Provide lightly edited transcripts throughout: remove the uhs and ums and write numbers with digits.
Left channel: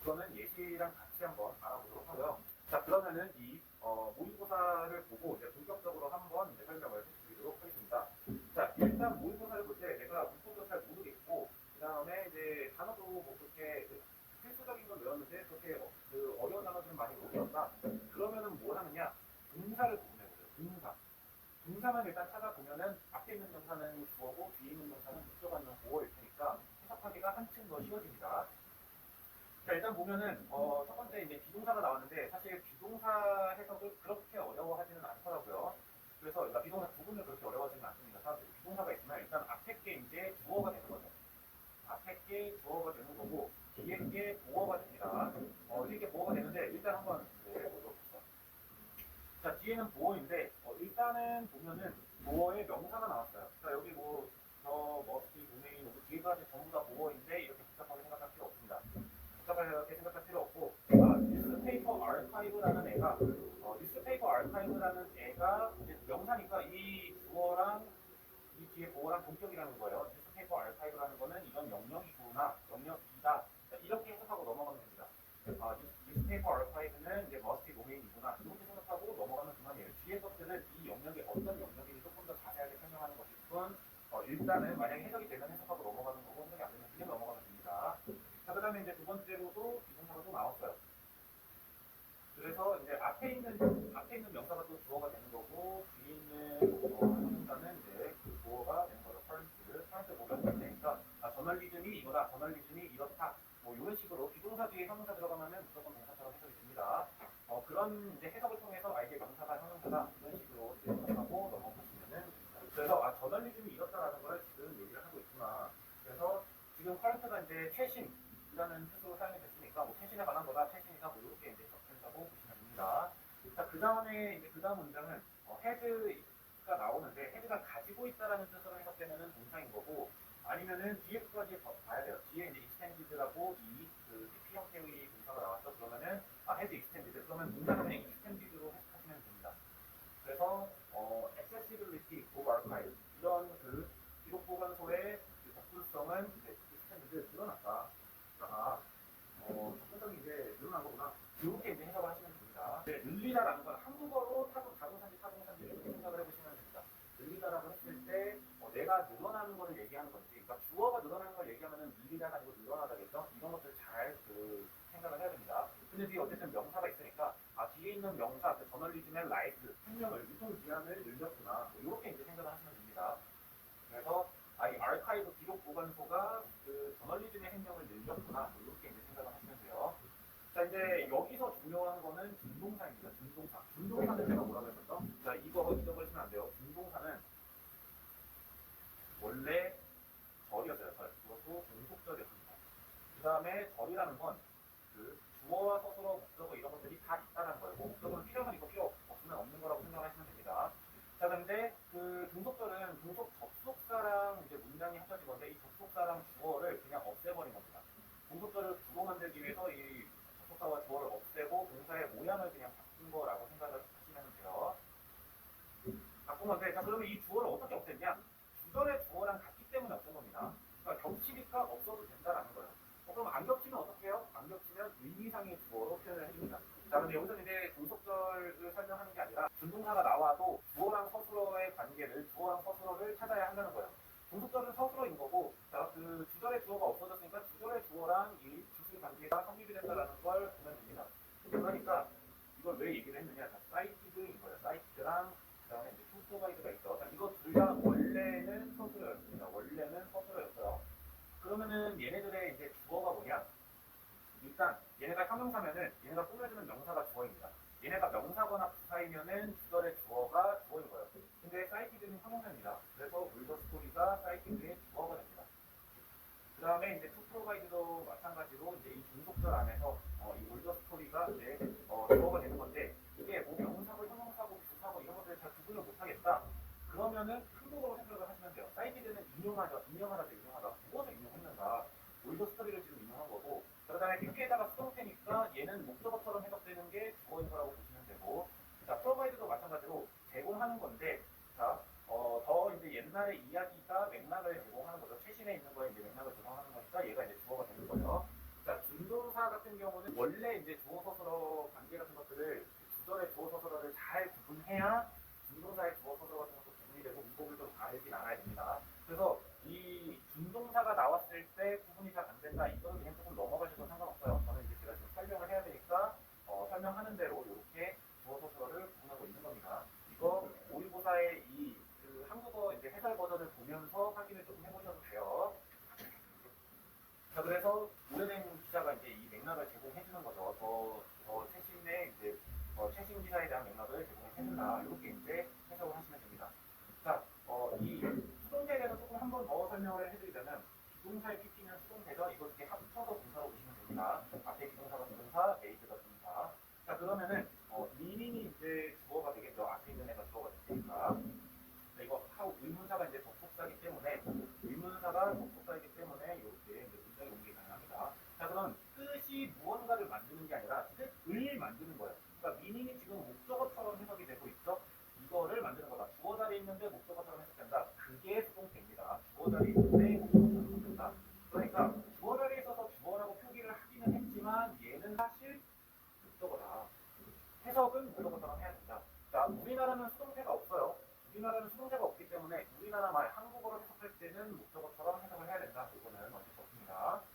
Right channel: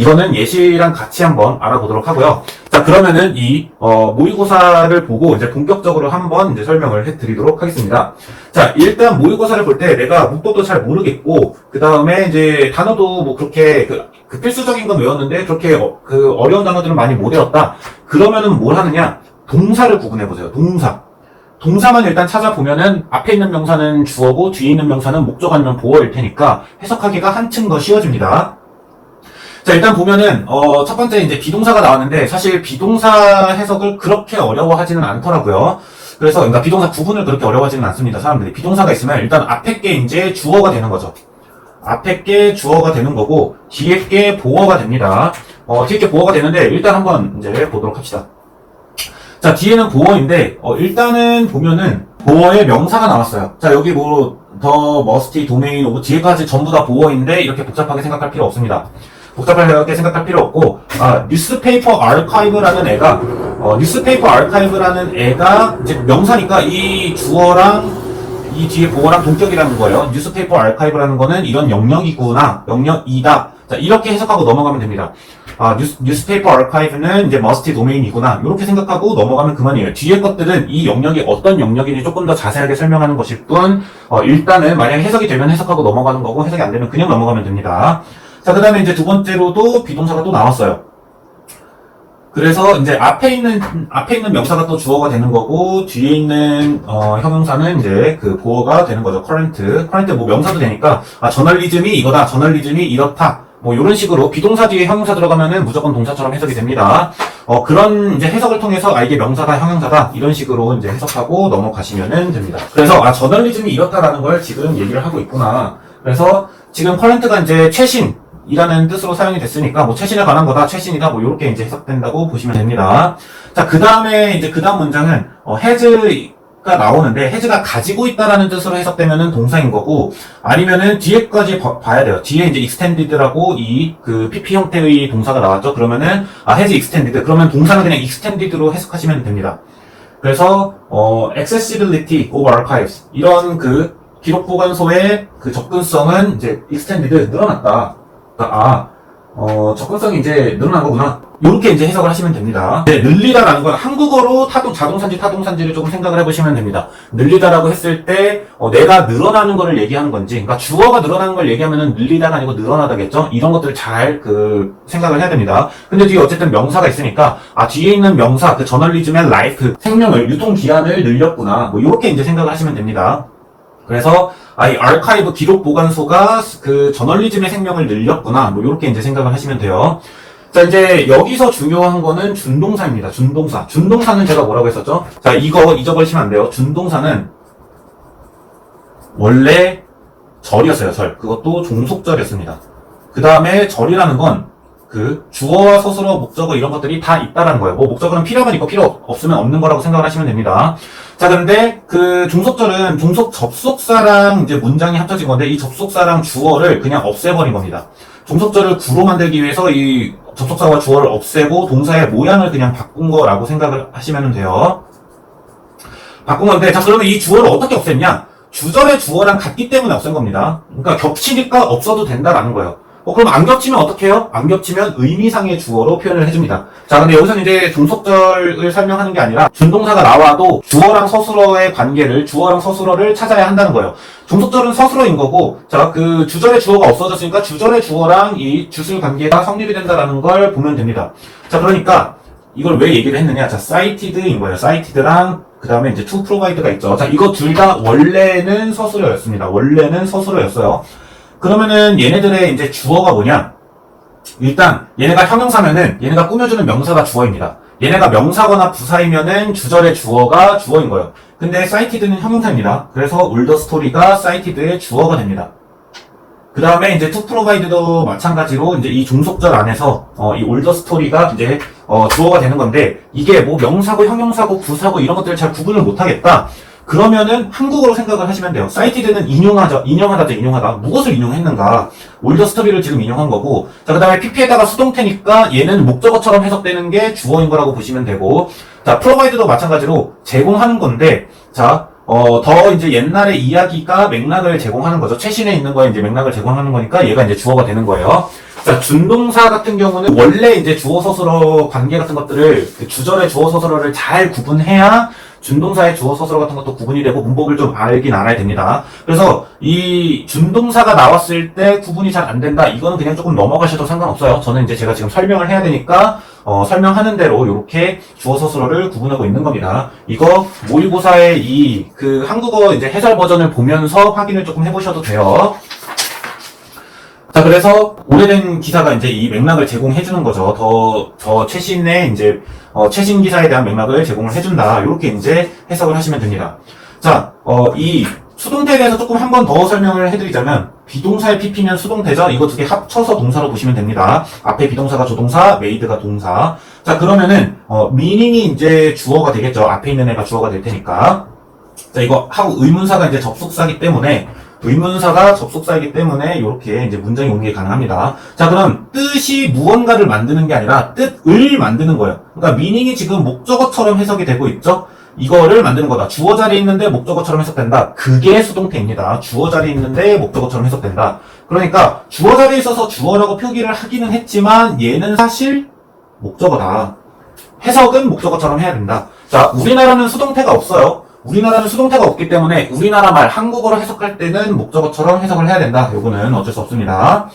이거는 예시랑 같이 한번 알아보도록 하고요. 자, 그러면은 이 모의고사를 보고 이제 본격적으로 한번 이제 설명을 해드리도록 하겠습니다. 자, 일단 모의고사를 볼 때 내가 문법도 잘 모르겠고 그 다음에 이제 단어도 뭐 그렇게 그 필수적인 건 외웠는데 그렇게 그 어려운 단어들은 많이 못 외웠다. 그러면은 뭘 하느냐? 동사를 구분해 보세요. 동사만 일단 찾아보면은 앞에 있는 명사는 주어고 뒤에 있는 명사는 목적 아니면 보어일 테니까 해석하기가 한층 더 쉬워집니다. 자, 일단 보면은 첫 번째 이제 비동사가 나왔는데 사실 비동사 해석을 그렇게 어려워하지는 않더라고요. 그래서 그러니까 비동사 구분을 그렇게 어려워하지는 않습니다. 사람들이 비동사가 있으면 일단 앞에 게 이제 주어가 되는 거죠. 앞에 게 주어가 되는 거고 뒤에 게 보어가 됩니다. 뒤에 게 보어가 되는데 일단 한번 이제 보도록 합시다. 자, 뒤에는 보어인데 일단은 보면은 보어의 명사가 나왔어요. 자, 여기 뭐 더 머스티 도메인 오브 뒤에까지 전부 다 보어인데 이렇게 복잡하게 생각할 필요 없습니다. 복잡하게 생각할 필요 없고 뉴스페이퍼 아카이브라는 애가 뉴스페이퍼 아카이브라는 애가 이제 명사니까 이 주어랑 이 뒤에 보어랑 동격이라는 거예요. 뉴스페이퍼 아카이브라는 거는 이런 영역이구나, 영역이다. 자, 이렇게 해석하고 넘어가면 됩니다. 뉴스페이퍼 아카이브는 이제 머스티 도메인이구나. 이렇게 생각하고 넘어가면 그만이에요. 뒤에 것들은 이 영역이 어떤 영역인지 조금 더 자세하게 설명하는 것일 뿐, 일단은 만약에 해석이 되면 해석하고 넘어가는 거고, 해석이 안 되면 그냥 넘어가면 됩니다. 자, 그 다음에 이제 두 번째로도 비동사가 또 나왔어요. 그래서 이제 앞에 있는 명사가 또 주어가 되는 거고, 뒤에 있는, 형용사는 이제 그 보어가 되는 거죠. 커런트 뭐 명사도 되니까, 저널리즘이 이거다, 저널리즘이 이렇다. 뭐, 요런 식으로 비동사 뒤에 형용사 들어가면은 무조건 동사처럼 해석이 됩니다. 그런 이제 해석을 통해서, 이게 명사다, 형용사다, 이런 식으로 이제 해석하고 넘어가시면은 됩니다. 그래서, 저널리즘이 이렇다라는 걸 지금 얘기를 하고 있구나. 그래서, 지금 커런트가 이제 최신, 이라는 뜻으로 사용이 됐으니까 뭐 최신에 관한 거다, 최신이다, 뭐 이렇게 이제 해석된다고 보시면 됩니다. 자, 그 다음에 이제 그 다음 문장은 has가 나오는데 has가 가지고 있다라는 뜻으로 해석되면은 동사인 거고 아니면은 뒤에까지 봐야 돼요. 뒤에 이제 extended라고 이 그 PP 형태의 동사가 나왔죠. 그러면은 has extended 그러면 동사는 그냥 extended로 해석하시면 됩니다. 그래서 accessibility of archives 이런 그 기록 보관소의 그 접근성은 이제 extended 늘어났다. 접근성이 이제 늘어난 거구나. 이렇게 이제 해석을 하시면 됩니다. 네, 늘리다라는 건 한국어로 자동사인지 타동사인지를 조금 생각을 해보시면 됩니다. 늘리다라고 했을 때, 내가 늘어나는 거를 얘기하는 건지, 그러니까 주어가 늘어나는 걸 얘기하면은 늘리다가 아니고 늘어나다겠죠? 이런 것들 잘 생각을 해야 됩니다. 근데 뒤에 어쨌든 명사가 있으니까, 뒤에 있는 명사, 그 저널리즘의 라이프, 생명을, 유통기한을 늘렸구나. 뭐, 이렇게 이제 생각을 하시면 됩니다. 그래서 이 아카이브 기록 보관소가 그 저널리즘의 생명을 늘렸구나. 뭐 이렇게 이제 생각을 하시면 돼요. 자, 이제 여기서 중요한 거는 준동사입니다. 준동사. 준동사는 제가 뭐라고 했었죠? 자, 이거 잊어버리시면 안 돼요. 준동사는 원래 절이었어요. 절. 그것도 종속절이었습니다. 그 다음에 절이라는 건 그 주어와 서술어, 목적어 이런 것들이 다 있다라는 거예요. 뭐 목적어는 필요하면 있고 필요 없으면 없는 거라고 생각을 하시면 됩니다. 자, 그런데 그 종속절은 종속 접속사랑 이제 문장이 합쳐진 건데 이 접속사랑 주어를 그냥 없애버린 겁니다. 종속절을 구로 만들기 위해서 이 접속사와 주어를 없애고 동사의 모양을 그냥 바꾼 거라고 생각을 하시면 돼요. 바꾼 건데, 자, 그러면 이 주어를 어떻게 없앴냐? 주절의 주어랑 같기 때문에 없앤 겁니다. 그러니까 겹치니까 없어도 된다라는 거예요. 그럼 안 겹치면 어떻게 해요? 안 겹치면 의미상의 주어로 표현을 해줍니다. 자, 근데 여기서는 이제 종속절을 설명하는 게 아니라 준동사가 나와도 주어랑 서술어의 관계를, 주어랑 서술어를 찾아야 한다는 거예요. 종속절은 서술어인 거고, 자, 그 주절의 주어가 없어졌으니까 주절의 주어랑 이 주술 관계가 성립이 된다라는 걸 보면 됩니다. 자, 그러니까 이걸 왜 얘기를 했느냐? 자, cited인 거예요. cited랑 그 다음에 이제 to provide가 있죠. 자, 이거 둘 다 원래는 서술어였습니다. 원래는 서술어였어요. 그러면은 얘네들의 이제 주어가 뭐냐? 일단 얘네가 형용사면은 얘네가 꾸며주는 명사가 주어입니다. 얘네가 명사거나 부사이면은 주절의 주어가 주어인 거예요. 근데 cited는 형용사입니다. 그래서 all the story가 cited의 주어가 됩니다. 그 다음에 이제 to provide도 마찬가지로 이제 이 종속절 안에서 이 all the story가 이제 주어가 되는 건데 이게 뭐 명사고 형용사고 부사고 이런 것들을 잘 구분을 못하겠다. 그러면은 한국어로 생각을 하시면 돼요. cited는 인용하다. 무엇을 인용했는가? all the story를 지금 인용한 거고, 자, 그 다음에 pp에다가 수동태니까 얘는 목적어처럼 해석되는 게 주어인 거라고 보시면 되고, 자, provide도 마찬가지로 제공하는 건데, 자, 더 이제 옛날의 이야기가 맥락을 제공하는 거죠. 최신에 있는 거에 이제 맥락을 제공하는 거니까 얘가 이제 주어가 되는 거예요. 자, 준동사 같은 경우는 원래 이제 주어 서술어 관계 같은 것들을 그 주절의 주어 서술어를 잘 구분해야 준동사의 주어 서술어 같은 것도 구분이 되고 문법을 좀 알긴 알아야 됩니다. 그래서 이 준동사가 나왔을 때 구분이 잘 안 된다. 이거는 그냥 조금 넘어가셔도 상관없어요. 저는 이제 제가 지금 설명을 해야 되니까 설명하는 대로 이렇게 주어 서술어를 구분하고 있는 겁니다. 이거 모의고사의 이 그 한국어 이제 해설 버전을 보면서 확인을 조금 해보셔도 돼요. 자, 그래서 오래된 기사가 이제 이 맥락을 제공해 주는 거죠. 더 최신의 이제 최신 기사에 대한 맥락을 제공을 해준다. 이렇게 이제 해석을 하시면 됩니다. 자, 이 수동태에 대해서 조금 한 번 더 설명을 해드리자면 비동사의 PP면 수동태죠. 이거 두 개 합쳐서 동사로 보시면 됩니다. 앞에 비동사가 조동사, made가 동사. 자, 그러면은 meaning이 이제 주어가 되겠죠. 앞에 있는 애가 주어가 될 테니까. 자, 이거 하고 의문사가 이제 접속사기 때문에 의문사가 접속사이기 때문에 이렇게 이제 문장이 오는 게 가능합니다. 자, 그럼 뜻이 무언가를 만드는 게 아니라 뜻을 만드는 거예요. 그러니까 meaning이 지금 목적어처럼 해석이 되고 있죠. 이거를 만드는 거다. 주어 자리에 있는데 목적어처럼 해석된다. 그게 수동태입니다. 주어 자리에 있는데 목적어처럼 해석된다. 그러니까 주어 자리에 있어서 주어라고 표기를 하기는 했지만 얘는 사실 목적어다. 해석은 목적어처럼 해야 된다. 자, 우리나라는 수동태가 없어요. 우리나라는 수동태가 없기 때문에 우리나라 말 한국어로 해석할 때는 목적어처럼 해석을 해야 된다. 요거는 어쩔 수 없습니다.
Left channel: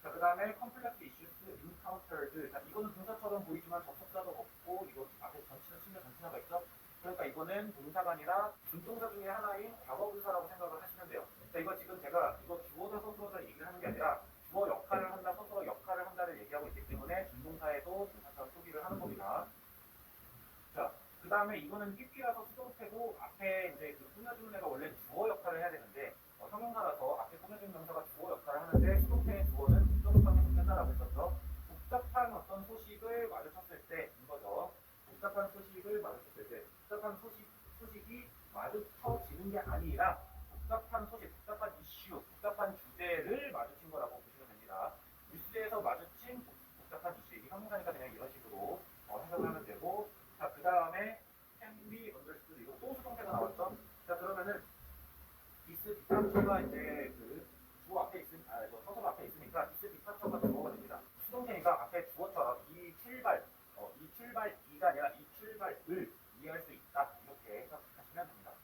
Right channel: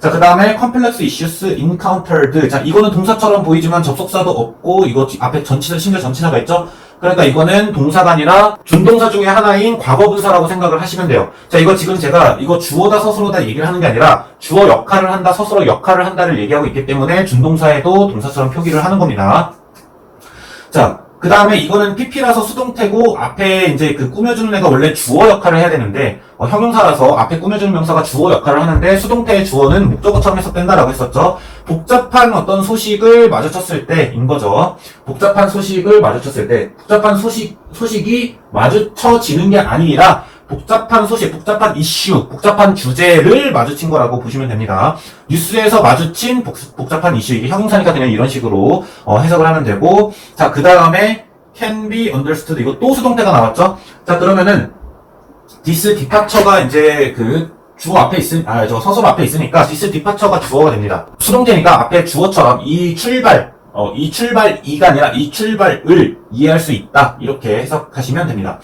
자, 그 다음에 complex issues encountered. 자, 이거는 동사처럼 보이지만 접속사도 없고 이거 앞에 전치사, 심지어 전치사가 있죠? 그러니까 이거는 동사가 아니라 준동사 중에 하나인 과거분사라고 생각을 하시면 돼요. 자, 이거 지금 제가 이거 주어다 서술어다 얘기를 하는 게 아니라 주어 역할을 한다, 서술어 역할을 한다를 얘기하고 있기 때문에 준동사에도 동사처럼 표기를 하는 겁니다. 자, 그 다음에 이거는 PP라서 수동태고 앞에 이제 그 꾸며주는 애가 원래 주어 역할을 해야 되는데 형용사라서 앞에 꾸며주는 명사가 주어 역할을 하는데 수동태의 주어는 목적어처럼 해석된다라고 했었죠. 복잡한 어떤 소식을 마주쳤을 때인 거죠. 복잡한 소식을 마주쳤을 때 복잡한 소식이 마주쳐지는 게 아니라 복잡한 소식, 복잡한 이슈, 복잡한 주제를 마주친 거라고 보시면 됩니다. 뉴스에서 마주친 복잡한 이슈, 이게 형용사니까 그냥 이런 식으로 해석을 하면 되고, 자, 그 다음에 can be understood, 이거 또 수동태가 나왔죠? 자, 그러면은 this departure가 이제 그 주어 앞에 저 서술 앞에 있으니까 this departure가 주어가 됩니다. 수동태니까 앞에 주어처럼 이 출발이가 아니라 이 출발을 이해할 수 있다. 이렇게 해석하시면 됩니다.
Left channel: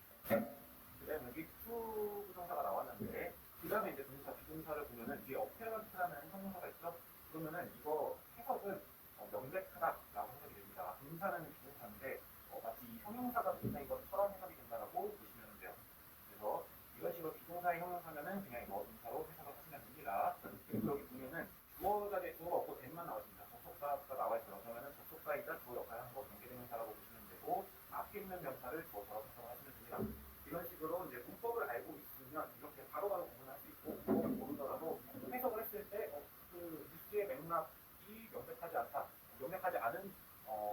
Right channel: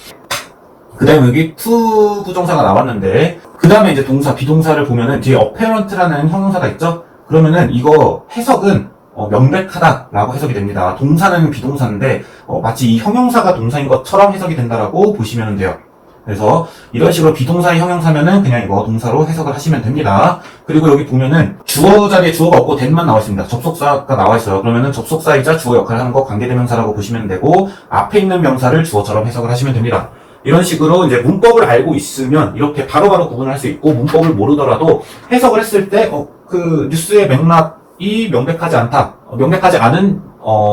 그 다음에 여기 to 부정사가 나왔는데 그 다음에 이제 동사, 비동사를 보면은 뒤에 apparent라는 형용사가 있죠? 그러면은 이거 해석은 명백하다라고 해석이 됩니다. 동사는 비동사인데 마치 이 형용사가 동사인 것처럼 해석이 된다라고 보시면 돼요. 그래서 이런 식으로 비동사의 형용사면은 그냥 이거 동사로 해석을 하시면 됩니다. 그리고 여기 보면은 주어 자리에 주어가 없고 then만 나와 있습니다. 접속사가 나와 있어요. 그러면은 접속사이자 주어 역할을 하는 거 관계대명사라고 보시면 되고 앞에 있는 명사를 주어처럼 해석을 하시면 됩니다. 이런 식으로 이제 문법을 알고 있으면 이렇게 바로바로 구분을 할 수 있고 문법을 모르더라도 해석을 했을 때 그 뉴스의 맥락이 명백하지 않다. 명백하지 않은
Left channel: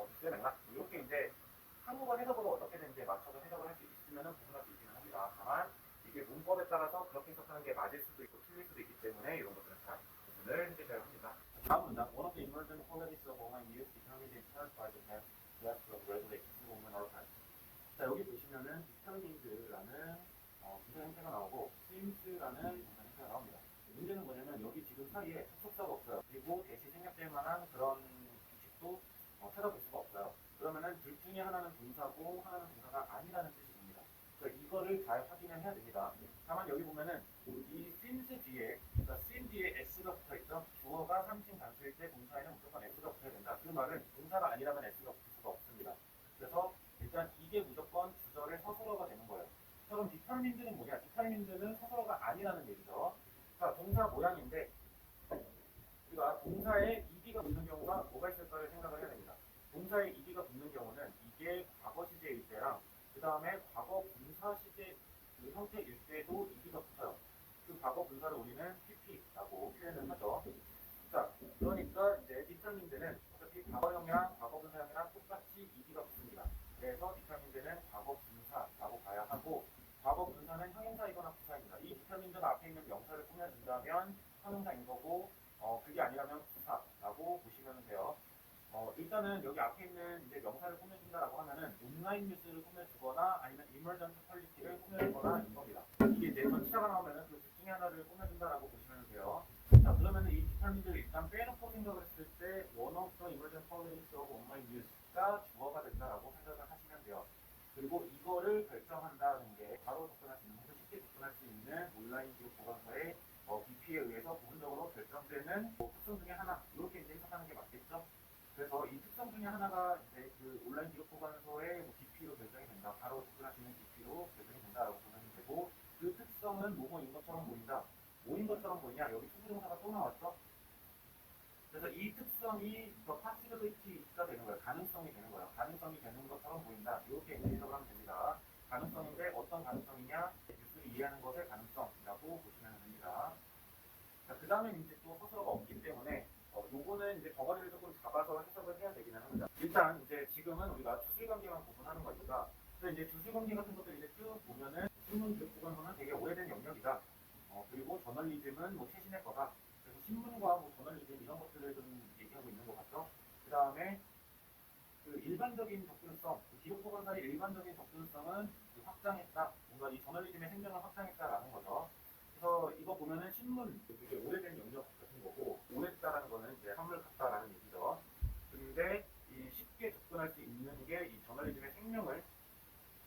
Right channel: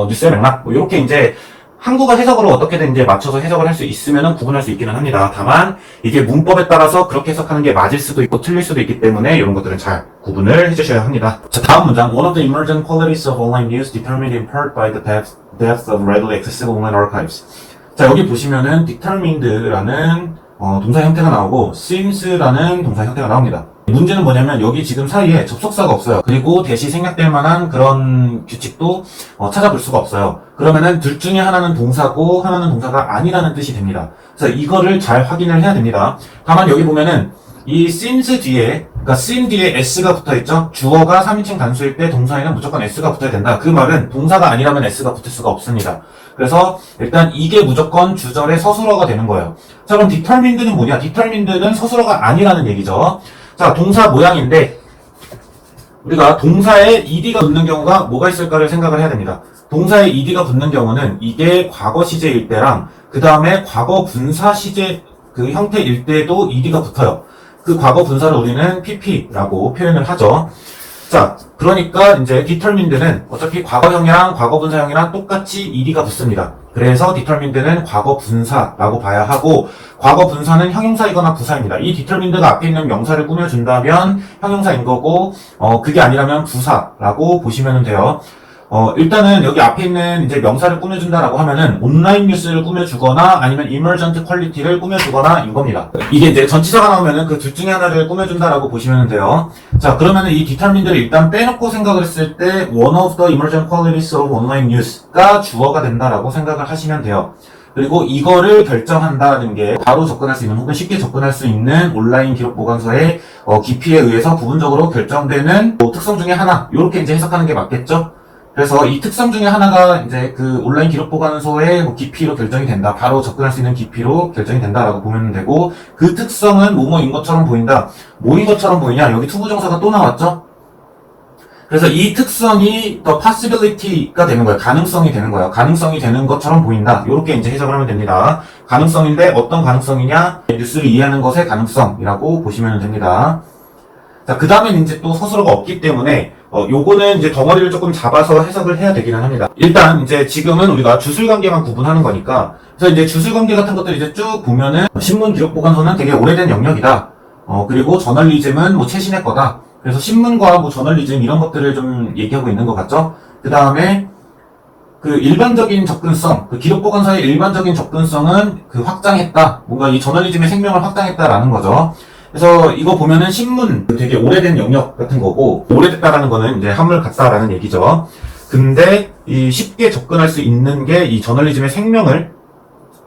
뉴스의 맥락 뭐 이렇게 이제 한국어 해석으로 어떻게든 이제 맞춰서 해석을 할 수 있으면은 구분할 수 있기는 합니다. 다만 이게 문법에 따라서 그렇게 해석하는 게 맞을 수도 있고 틀릴 수도 있기 때문에 이런 것들은 잘 구분을 해주셔야 합니다. 자, 다음 문장. One of the emergent qualities of online news determined in part by the depth of readily accessible online archives. 자, 여기 보시면은 determined라는 동사 형태가 나오고 since라는 동사 형태가 나옵니다. 문제는 뭐냐면 여기 지금 사이에 접속사가 없어요. 그리고 대시 생략될 만한 그런 규칙도 찾아볼 수가 없어요. 그러면은 둘 중에 하나는 동사고 하나는 동사가 아니라는 뜻이 됩니다. 그래서 이거를 잘 확인을 해야 됩니다. 다만 여기 보면은 이 since 뒤에, 그러니까 sin 뒤에 s가 붙어있죠? 주어가 3인칭 단수일 때 동사에는 무조건 s가 붙어야 된다. 그 말은 동사가 아니라면 s가 붙을 수가 없습니다. 그래서 일단 이게 무조건 주절의 서술어가 되는 거예요. 자, 그럼 determined는 뭐냐? determined는 서술어가 아니라는 얘기죠. 자, 동사 모양인데 우리가 동사에 ed가 붙는 경우가 뭐가 있을까를 생각을 해야 됩니다. 동사에 ed가 붙는 경우는 이게 과거 시제일 때랑 그 다음에 과거 분사 시제 그 형태일 때도 ed가 붙어요. 그 과거 분사를 우리는 pp라고 표현을 하죠. 자, 그러니까 이제 determined는 어차피 과거형이랑 과거분사형이랑 똑같이 ed가 붙습니다. 그래서 determined는 과거분사라고 봐야 하고 과거분사는 형용사이거나 부사입니다. 이 determined가 앞에 있는 명사를 꾸며준다면 형용사인 거고 그게 아니라면 부사라고 보시면 돼요. 일단은 여기 앞에 있는 이제 명사를 꾸며준다라고 하면은 온라인 뉴스를 꾸며주거나 아니면 emergent quality를 꾸며주거나인 겁니다. 이게 이제 전치사가 나오면은 그 둘 중에 하나를 꾸며준다라고 보시면 돼요. 자, 그러면은 이 determine를 일단 빼놓고 생각을 했을 때 one of the emergent qualities of online news가 주어가 된다라고 생각을 하시면 돼요. 그리고 이거를 결정한다는 게 바로 접근할 수 있는 혹은 쉽게 접근할 수 있는 온라인 기록 보관소의 깊이에 의해서 부분적으로 결정되는 특성 중에 하나, 이렇게 이제 해석하는 게 맞겠죠? 그래서 이 특성 중에 하나가 이제 그 온라인 기록 보관소의 깊이로 결정이 된다. 바로 접근할 수 있는 깊이로 결정이 된다라고 보면 되고, 그 특성은 뭐뭐인 것처럼 보인다. 뭐인 것처럼 보이냐? 여기 투부정사가 또 나왔죠? 그래서 이 특성이 더 possibility가 되는 거예요. 가능성이 되는 거예요. 가능성이 되는 것처럼 보인다. 이렇게 이제 해석을 하면 됩니다. 가능성인데 어떤 가능성이냐? 뉴스를 이해하는 것의 가능성이라고 보시면 됩니다. 자, 그 다음엔 이제 또 서술어가 없기 때문에 요거는 이제 덩어리를 조금 잡아서 해석을 해야 되기는 합니다. 일단 이제 지금은 우리가 주술관계만 구분하는 거니까, 그래서 이제 주술관계 같은 것들 이제 쭉 보면은 신문 기록 보관소는 되게 오래된 영역이다. 그리고 저널리즘은 뭐 최신의 거다. 그래서 신문과 뭐 저널리즘 이런 것들을 좀 얘기하고 있는 것 같죠? 그 다음에 그 일반적인 접근성, 그 기록 보관소의 일반적인 접근성은 그 확장했다. 뭔가 이 저널리즘의 생명을 확장했다라는 거죠. 그래서 이거 보면은 신문 되게 오래된 영역 같은 거고, 오래됐다라는 거는 이제 한물 같다라는 얘기죠. 근데 이 쉽게 접근할 수 있는 게 이 저널리즘의 생명을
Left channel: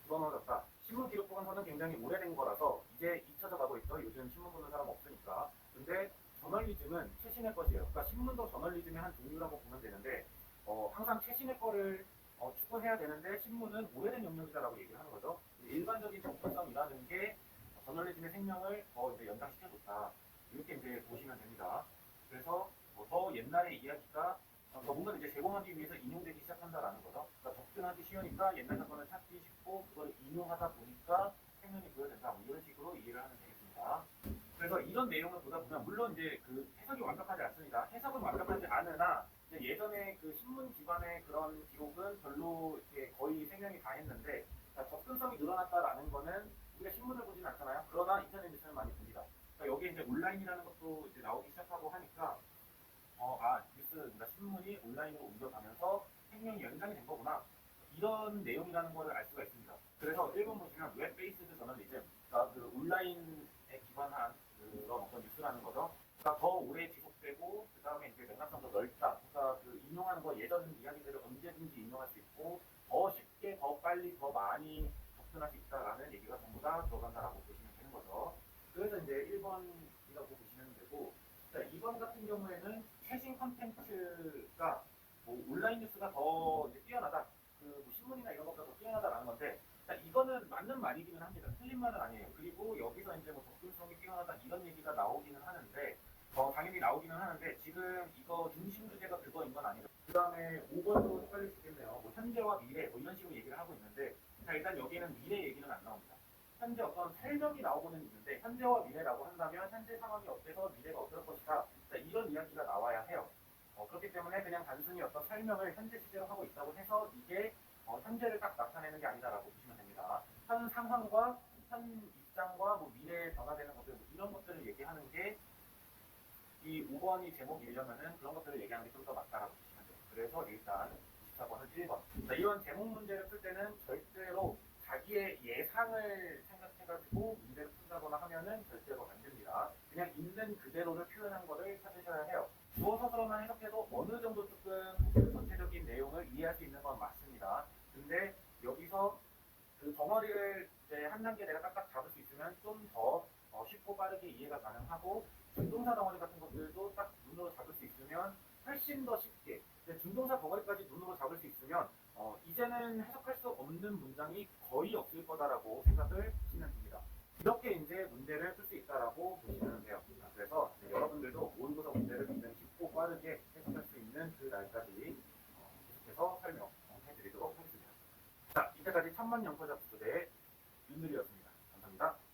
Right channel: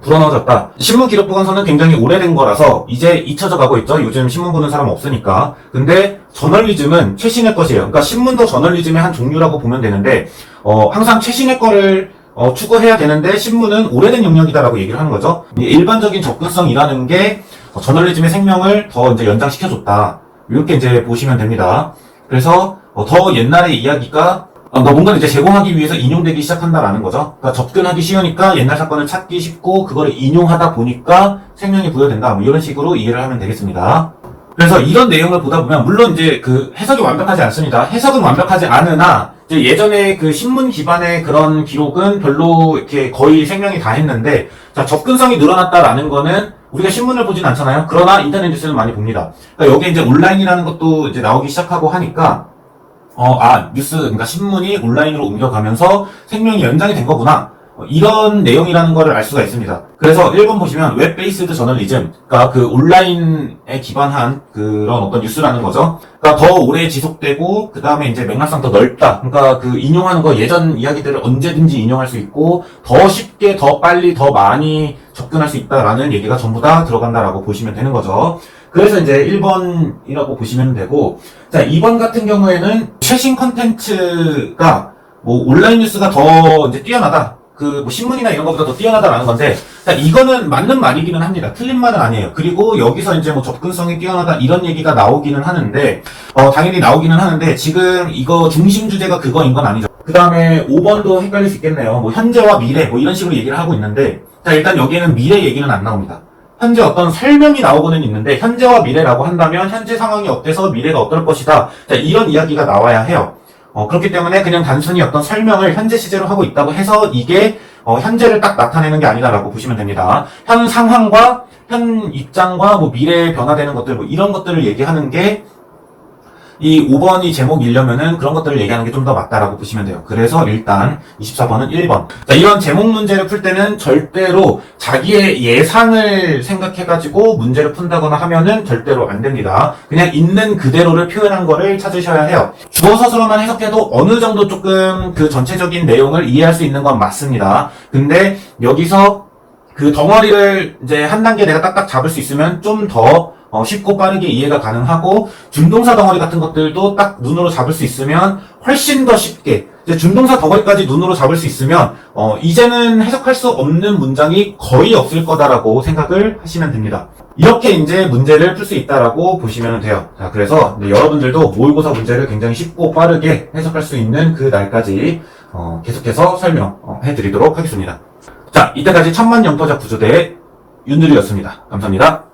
불어넣어졌다. 신문 기록 보관소는 굉장히 오래된 거라서 이제 잊혀져 가고 있죠. 요즘 신문 보는 사람 없으니까. 근데 저널리즘은 최신의 것이에요. 그러니까 신문도 저널리즘의 한 종류라고 보면 되는데, 항상 최신의 거를 추구해야 되는데 신문은 오래된 영역이다라고 얘기를 하는 거죠. 일반적인 접근성이라는 게 저널리즘의 생명을 더 이제 연장시켜줬다. 이렇게 이제 보시면 됩니다. 그래서 더 옛날의 이야기가 뭔가를 이제 제공하기 위해서 인용되기 시작한다라는 거죠. 그러니까 접근하기 쉬우니까 옛날 사건을 찾기 쉽고 그거를 인용하다 보니까 생명이 부여된다. 뭐 이런 식으로 이해를 하면 되겠습니다. 그래서 이런 내용을 보다 보면 물론 이제 그 해석이 완벽하지 않습니다. 해석은 완벽하지 않으나 이제 예전에 그 신문 기반의 그런 기록은 별로 이렇게 거의 생명이 다 했는데, 자, 접근성이 늘어났다라는 거는 우리가 신문을 보진 않잖아요. 그러나 인터넷 뉴스는 많이 봅니다. 그러니까 여기 이제 온라인이라는 것도 이제 나오기 시작하고 하니까 뉴스, 그러니까 신문이 온라인으로 옮겨가면서 생명이 연장이 된 거구나. 이런 내용이라는 거를 알 수가 있습니다. 그래서 1번 보시면 웹 베이스드 저널리즘, 그러니까 그 온라인에 기반한 그런 어떤 뉴스라는 거죠. 그러니까 더 오래 지속되고 그 다음에 이제 맥락상 더 넓다. 그러니까 그 인용하는 거 예전 이야기들을 언제든지 인용할 수 있고 더 쉽게, 더 빨리, 더 많이 접근할 수 있다라는 얘기가 전부 다 들어간다라고 보시면 되는 거죠. 그래서 이제 1번이라고 보시면 되고, 자, 2번 같은 경우에는 최신 컨텐츠가 뭐 온라인 뉴스가 더 이제 뛰어나다. 뭐 신문이나 이런 것보다 더 뛰어나다라는 건데, 자, 이거는 맞는 말이기는 합니다. 틀린 말은 아니에요. 그리고 여기서 이제 뭐 접근성이 뛰어나다 이런 얘기가 나오기는 하는데, 당연히 나오기는 하는데, 지금 이거 중심 주제가 그거인 건 아니죠. 그 다음에 5번도 헷갈릴 수 있겠네요. 뭐 현재와 미래, 뭐 이런 식으로 얘기를 하고 있는데, 자, 일단 여기에는 미래 얘기는 안 나옵니다. 현재 어떤 설명이 나오고는 있는데, 현재와 미래라고 한다면 현재 상황이 어때서 미래가 어떨 것이다. 자, 이런 이야기가 나와야 해요. 그렇기 때문에 그냥 단순히 어떤 설명을 현재 시제로 하고 있다고 해서 이게 현재를 딱 나타내는 게 아니다라고 보시면 됩니다. 현 상황과 현 입장과 뭐 미래에 변화되는 것들, 뭐 이런 것들을 얘기하는 게 이 5번이 제목이려면은 그런 것들을 얘기하는 게 좀 더 맞다라고 보시면 돼요. 그래서 일단 24번은 1번. 자, 이런 제목 문제를 풀 때는 절대로 자기의 예상을 생각해가지고 문제를 푼다거나 하면은 절대로 안 됩니다. 그냥 있는 그대로를 표현한 거를 찾으셔야 해요. 주어 서술어만 해석해도 어느 정도 조금 그 전체적인 내용을 이해할 수 있는 건 맞습니다. 근데 여기서 그 덩어리를 이제 한 단계 내가 딱딱 잡을 수 있으면 좀 더 쉽고 빠르게 이해가 가능하고, 준동사 덩어리 같은 것들도 딱 눈으로 잡을 수 있으면 훨씬 더 쉽게, 이제 준동사 덩어리까지 눈으로 잡을 수 있으면 이제는 해석할 수 없는 문장이 거의 없을 거다라고 생각을 하시면 됩니다. 이렇게 이제 문제를 풀 수 있다라고 보시면 돼요. 자, 그래서 여러분들도 모의고사 문제를 굉장히 쉽고 빠르게 해석할 수 있는 그 날까지 계속해서 설명해 드리도록 하겠습니다. 자, 이때까지 천만영토자 구조대의 윤두리였습니다. 감사합니다.